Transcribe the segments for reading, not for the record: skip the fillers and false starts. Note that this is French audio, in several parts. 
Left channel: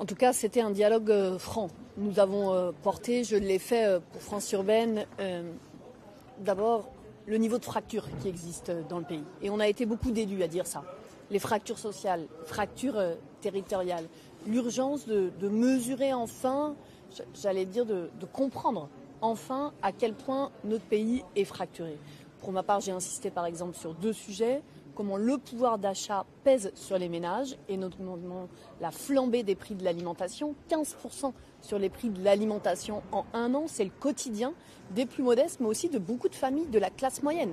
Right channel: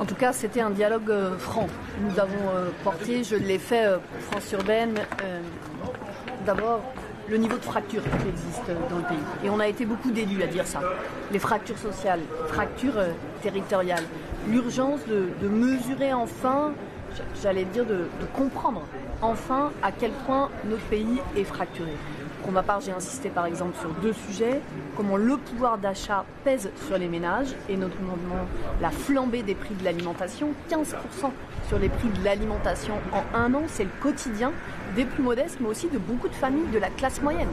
En tout cas, c'était un dialogue franc. Nous avons porté, je l'ai fait pour France Urbaine, d'abord le niveau de fracture qui existe dans le pays. Et on a été beaucoup d'élus à dire ça. Les fractures sociales, fractures territoriales. L'urgence de mesurer enfin, j'allais dire de comprendre enfin à quel point notre pays est fracturé. Pour ma part, j'ai insisté par exemple sur 2 sujets, comment le pouvoir d'achat pèse sur les ménages et notamment la flambée des prix de l'alimentation, 15% sur les prix de l'alimentation en 1 an, c'est le quotidien des plus modestes, mais aussi de beaucoup de familles de la classe moyenne.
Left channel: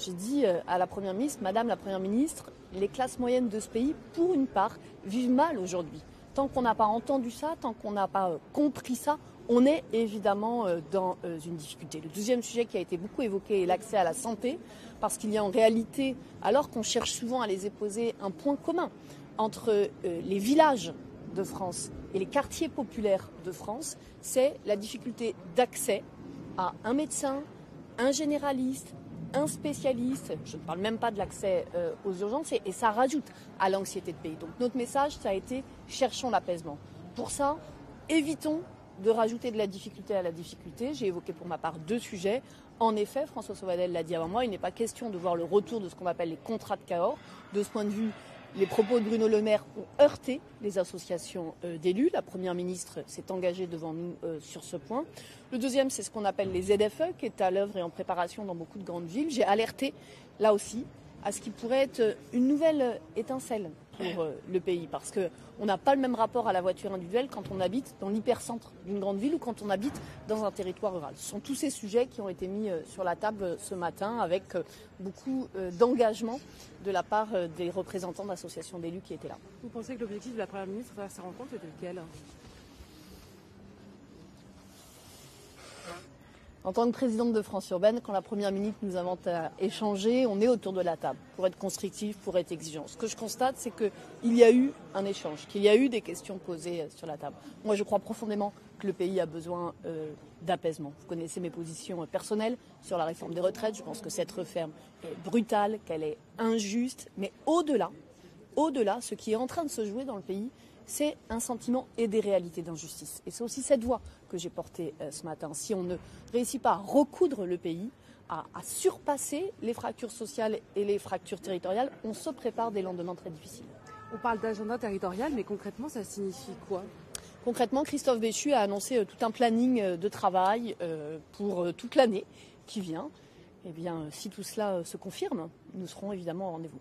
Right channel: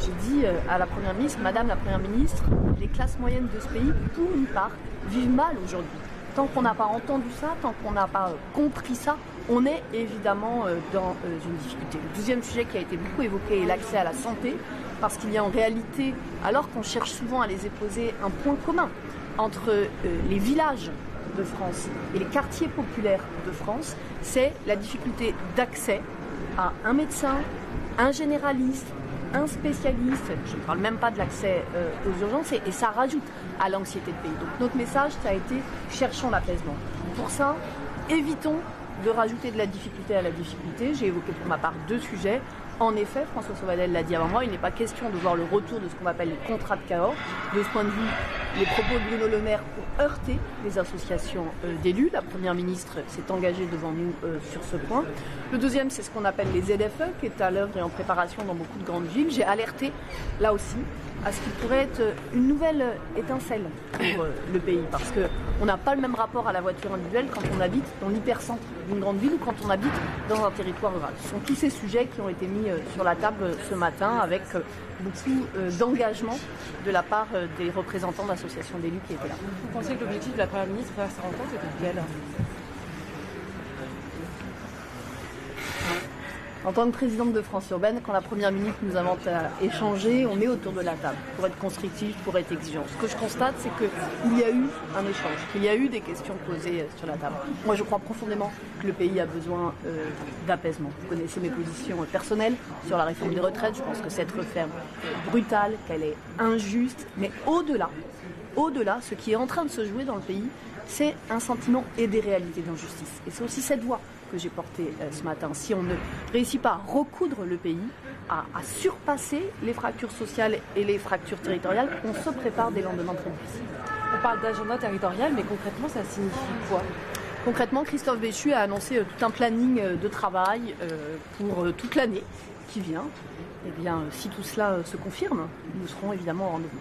J'ai dit à la Première ministre, Madame la Première ministre, les classes moyennes de ce pays, pour une part, vivent mal aujourd'hui. Tant qu'on n'a pas entendu ça, tant qu'on n'a pas compris ça, on est évidemment dans une difficulté. Le 2e sujet qui a été beaucoup évoqué est l'accès à la santé, parce qu'il y a en réalité, alors qu'on cherche souvent à les opposer, un point commun entre les villages de France et les quartiers populaires de France, c'est la difficulté d'accès à un médecin, un généraliste, un spécialiste, je ne parle même pas de l'accès aux urgences, et ça rajoute à l'anxiété de pays. Donc notre message, ça a été cherchons l'apaisement. Pour ça, évitons de rajouter de la difficulté à la difficulté. J'ai évoqué pour ma part 2 sujets. En effet, François Sauvadet l'a dit avant moi, il n'est pas question de voir le retour de ce qu'on appelle les contrats de Cahors. De ce point de vue, les propos de Bruno Le Maire ont heurté les associations d'élus. La Première ministre s'est engagée devant nous sur ce point. Le 2e, c'est ce qu'on appelle les ZFE, qui est à l'œuvre et en préparation dans beaucoup de grandes villes. J'ai alerté, là aussi, à ce qu'il pourrait être une nouvelle étincelle pour le pays, parce qu'on n'a pas le même rapport à la voiture individuelle quand on habite dans l'hypercentre d'une grande ville ou quand on habite dans un territoire rural. Ce sont tous ces sujets qui ont été mis sur la table ce matin avec beaucoup d'engagement de la part des représentants d'associations d'élus qui étaient là. Vous pensez que l'objectif de la Première ministre à sa rencontre était quel ? En tant que présidente de France Urbaine, quand la Première ministre nous invite à échanger, on est autour de la table pour être constructif, pour être exigeant. Ce que je constate, c'est qu'il y a eu un échange, qu'il y a eu des questions posées sur la table. Moi, je crois profondément que le pays a besoin d'apaisement. Vous connaissez mes positions personnelles sur la réforme des retraites. Je pense que cette réforme est brutale, qu'elle est injuste, mais au-delà, ce qui est en train de se jouer dans le pays, c'est un sentiment et des réalités d'injustice. Et c'est aussi cette voix que j'ai portée ce matin. Si on ne réussit pas à recoudre le pays, à surpasser les fractures sociales et les fractures territoriales, on se prépare des lendemains très difficiles. On parle d'agenda territorial, mais concrètement, ça signifie quoi ? Concrètement, Christophe Béchu a annoncé tout un planning de travail pour toute l'année qui vient. Eh bien, si tout cela se confirme, nous serons évidemment au rendez-vous.